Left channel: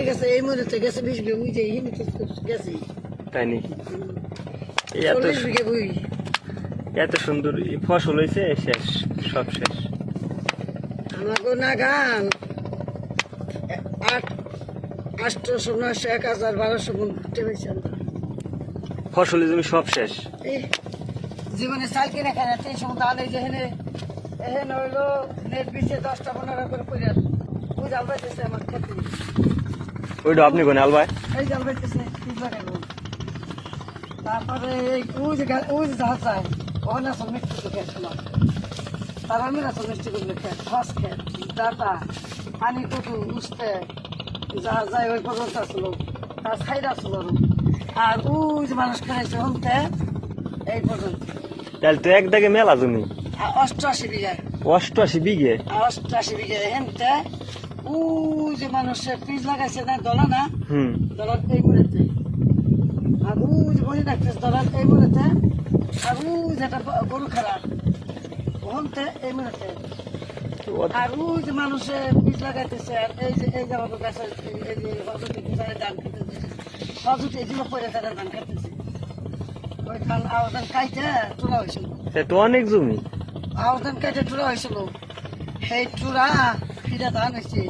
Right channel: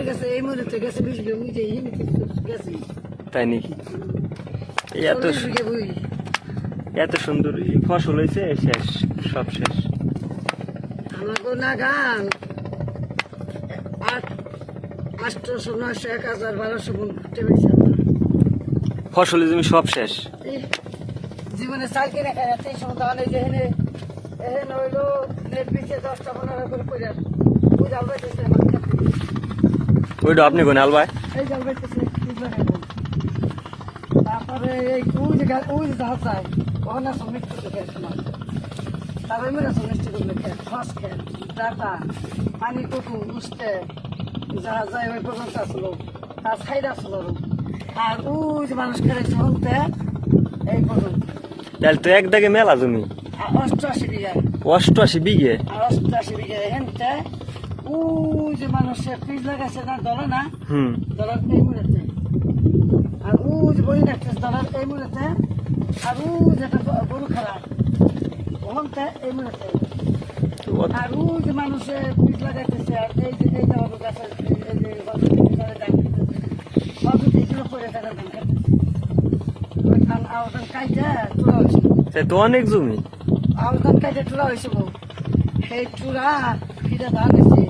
হয়ে গেছে এই মুহূর্তে গেছে 20 বিঘা বুঝে গেছে তাই নাকি? এত 40 বিঘা বুঝি এত সুন্দর ফসল হয়েছে, শেষ, সব শেষ। আমাকে না গান 800 900 1000 1200 মন করতে হয়েছে ফসলের জমি সব শেষ। জীবনে চাল কিনে খাই 300 ধান এই যে এহেন হইলো নেট পিছিয়ে 10টা 15 করে পড়ে ওই জাল বাইতেছে আমার খেতে ওইটা আপনি কোন আলবাই? এই জাল বাইতেছে তারপরে এই ওই যে ধার যায় ওখানে আসল মিষ্টি খেয়েছিলাম তারপরে মেরে আসল মিষ্টি করে খেয়ে ফাঁস খেয়ে দাপা পানি কটু উঠতে যাহা যায় ওই পর্যন্ত আসলো তার সাইড আসলো আর ওই যে মানুষ খেয়েছে হতে এই পর্যন্ত। তাহলে তো এক দাগে মেলা জমি, 88 বিঘা 88 বিঘে। 88 বিঘা হেনতে ওই যে মানুষের পিস লাগাইছে না দলা না দলার কই মুড়েতে আর ওই যে বই রাখছে দলার কই মুড়েতে আর ওই যেটা গরু খেলা ওখানতে এই মুড়েতে আর ওই যে মানুষের পিস লাগাইতেছে আর এই যে এই জামা গাছের এই যে ধান খেতেছে হজুত এই দিকে পরে তারা ধান খেতেছে ওই ধান আওয়াজ খাইতে তোলা হয়েছিল তো অনেক জমি আওতান কাটে টুরা হয়েছিল সেই টুরা ফিরে ধান হয়েছে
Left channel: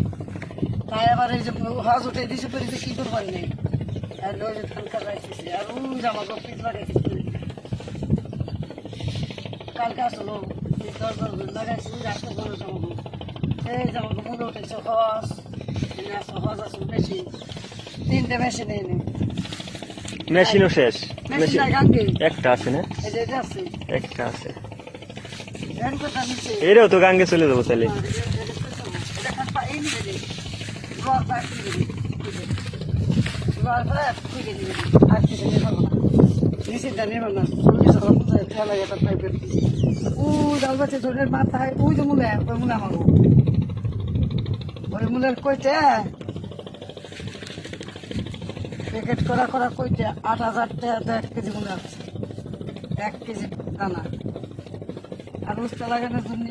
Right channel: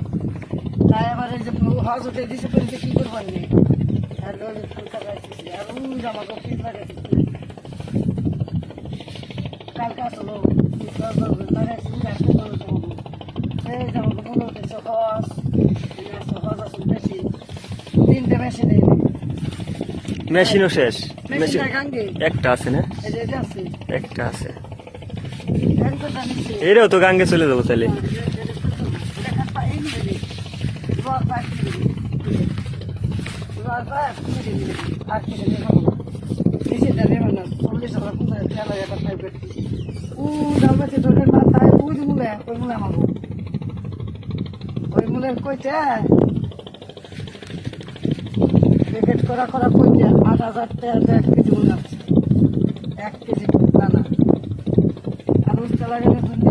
তাই আবার এই যে হজ উঠে দিছে পরিতে কি করবার নেই আর ওই যে ধান কাটাইতেছে আর ওই জামাকে পিস লাগাইতেছে কালকে আসলো লাগাইছে রাখতে পারো জামাকে এই জামাকে মনে উঠেছে হজ হজ আসল বেশি 3টে মেশিনে মেশিনও শেষ। মেশিন একটা আছে না? এই যে আছে একটা আছে। এর কথা নিচে এরাও তো গাঙ্গে চলে যাবো তাহলে। মাথায় ওই যে মূলে ওই মূলে আমার ওই মূলের কইতে প্যাকেট করা কইতে 8000 টাকা 1 কেজি মূলে আছে 1 কেজি দানা আর উস্তা লাগানোর জন্য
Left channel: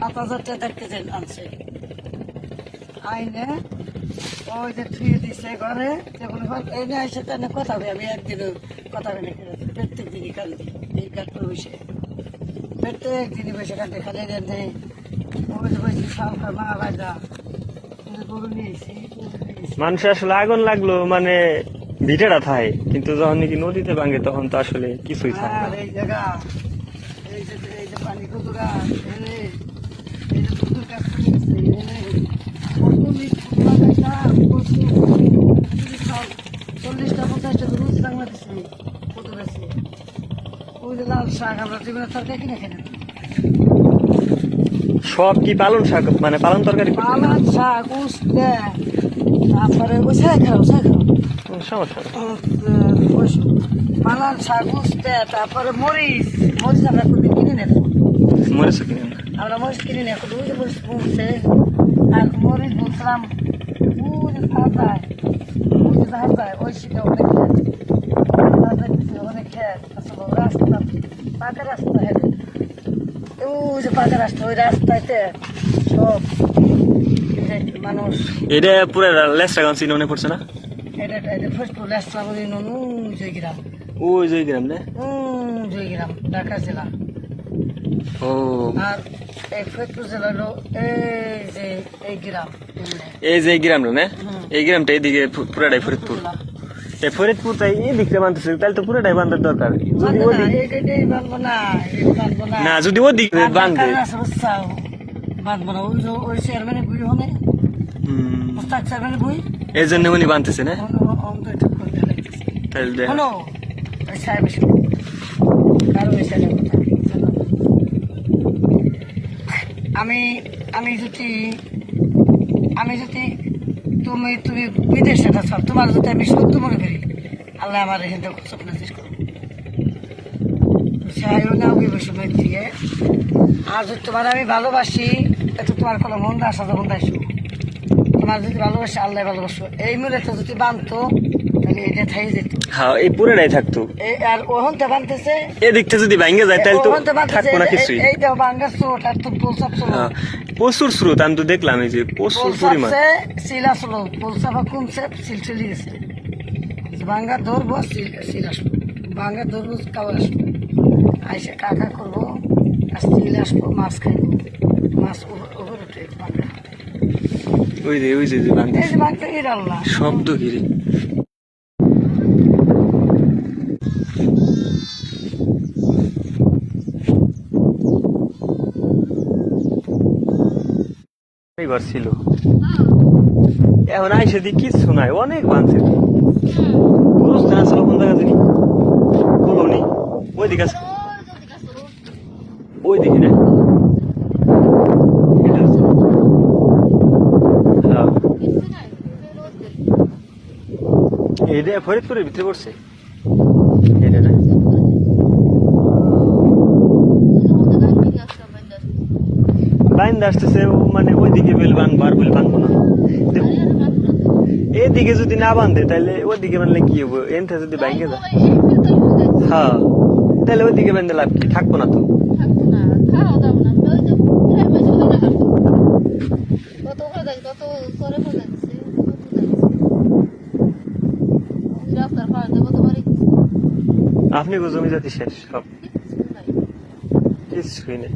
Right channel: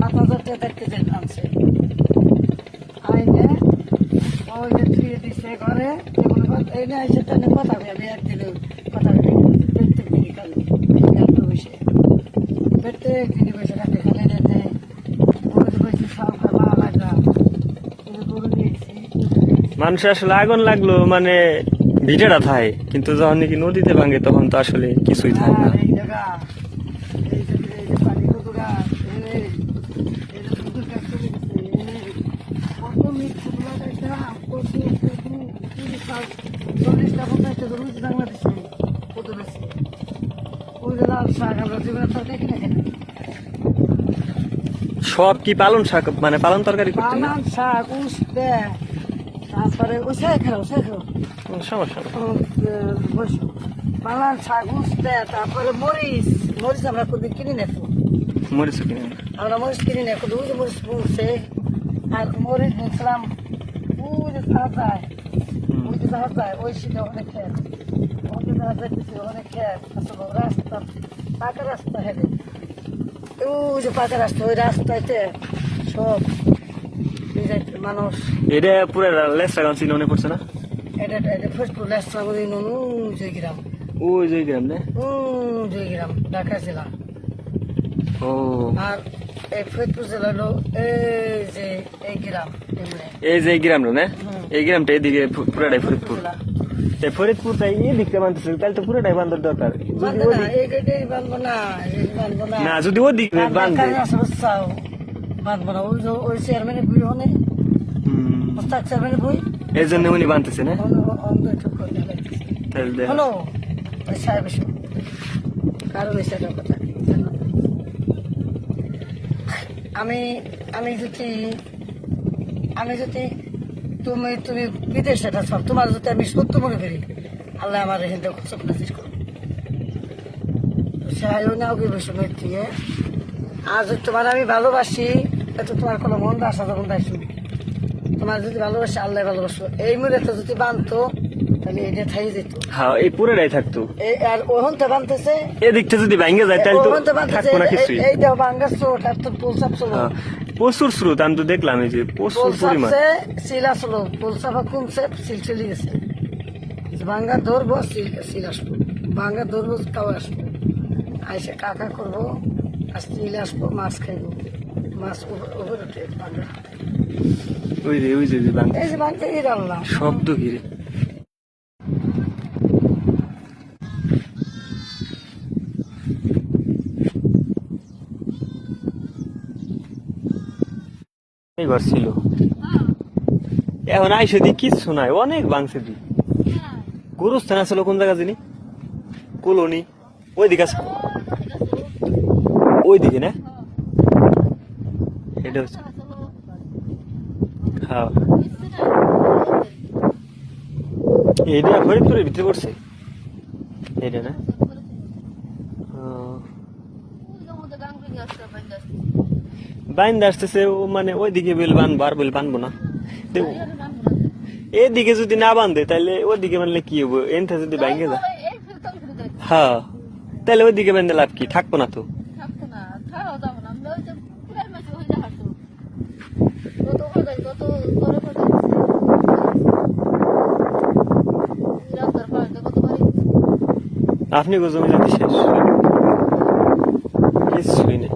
7000 টাকা 1 কেজি আনছে আইনে ওই যে থুয়ে দিছে ঘরে যেমন এনে আসে তেনে কথা হবে আমি একদিনও কথা বলে প্রত্যেক দিনই কালকে বসে প্রত্যেক দিনই বসে কাটে খালি রেতে ওই যে বসে সব মা লাগা গরু নিয়েছি মানুষের আসলে আগুন লাগলো মানে ভিটেটা থাকে, কিন্তু যখন নাকি নদীতে ভাঙে তখন তো আসলে কিছুই থাকে না। আর এই জায়গা এই যে পানি কুতুরা এই যে কুতুর কাজ করে গেছে কত মিষ্টি লাগাইতাম কত 40টা 50টা রুজ বাংলা দিচ্ছে কুতুর আছে ওই যে লাল শাক আমরা জীবনে তরকারি কিনে খেতে সব কি পালন শাক মানে পালন তরকারি করতে না? পালন শাক উস্তে তারপরে সমস্যা পালন শাক উস্তে তারপরে মরিচ মরিচ আমরা কোনদিন কিনে নেব মরিচ কিনে না? আমরা মরিচ কিনে নেব ওই যে মরিচ বুনছে আর মরিচ বুনছিলাম ওই যে ধার যায় ওই শীতে অনেক খেত আসলে রাস্তা পাকা রাস্তা হেঁটে ওই যে পাকা রাস্তা ওই রাস্তাতে সব মানুষ এটা পুরো লেসরাগঞ্জ মনে পড়ছে না? এটা ফরিদপুর লেসরাগঞ্জ জয়গ্রাম ওই জয়গ্রাম না? জয়গ্রাম ঢাকা জেলা। ও আর এই ফরিদপুর জেলা হলো এই গ্রাম এই যে গ্রামটা না? এই গ্রামটা এদিকে পুরাটাই ফরিদপুর। এই ফরিদপুর তাই এই দিকটা বানতেছে তাহলে তো পুরোটাই বান্ধার দরকার। না যদি ওই দিক বান্ধে বাঁধবো না ওই চেয়ারম্যানের বই হনে চেয়ারম্যানের বই এই জন্য উনি বানতেছে না? তাহলে হলো সাহেব কারণ আমি যদি তুমি বিদেশে থাকো তোমার যদি আমি সত্য মনে করি আল্লাহ আমার এখান থেকে স্বপ্ন শেষ করবো না সময় দিয়ে আর যদি তোমার আমি ভালোবাসি এত তোমার কোনো মন আসা যখন আসো তোমার যদি ভালোবাসি আল্লাহ ভালোবাসো এই মুহূর্তে যদি বানতো তাহলে এটা থাই যেত। হ্যাঁ এই পুরোটাই থাকতো। আর ওহন তো বানতেছে, এদিক থেকে যদি ভাঙ্গে যায় তাহলে তো ওহন তো বানতেছে, থাকবো না কিছুই। এই তো বাঙ্গার স্রোত আর তো পোলসাপ চলো, হ্যাঁ, প্রচুর স্রোত, আমি তো দেখলাম এই যে প্রচুর পরিমাণ। পোলসাপসে সিল আসলো, পোলসাপা কমছে, সিল চলে গেছে। বাঙ্গা ধরবো, সিল আসবো, বাঙ্গা ধরবো, কাউ আসবো, আইসে কাকা করবো, আর সিল আসবো, মাছ খাইবো, মাছ ওপর উঠে বাঙ্গা। ওই যে ভাঙ্গে এই যে বাঙ্গা ইরাল্লা শব্দ ঘিরে। এই ঘর ছিল, এখন আইসে দি কিচ্ছু নাই, অনেক বানছে। বুঝতে না ছিল কোন জায়গা জানি, বলুনি ওই দিকে আছে, ওই দিকে না এটা হচ্ছে। হ্যাঁ এইটা ফরিদপুরের ভিতরে পড়ছে এটা না। বাইন্দা আসতেছে ও, মানে ওইদিকে বেল বানবো আর বেল বানবো না। এদিকে যদি না বান্ধে তাহলে ওইদিকে বানলে কি হবো, এমটা যদি বাইঙ্গে যায়। হ্যাঁ তাহলে ওইদিকে বান্ধে লাভ কি, থাকবো না তো। আপনি জমি জাতি শেষ কিছুই নেই।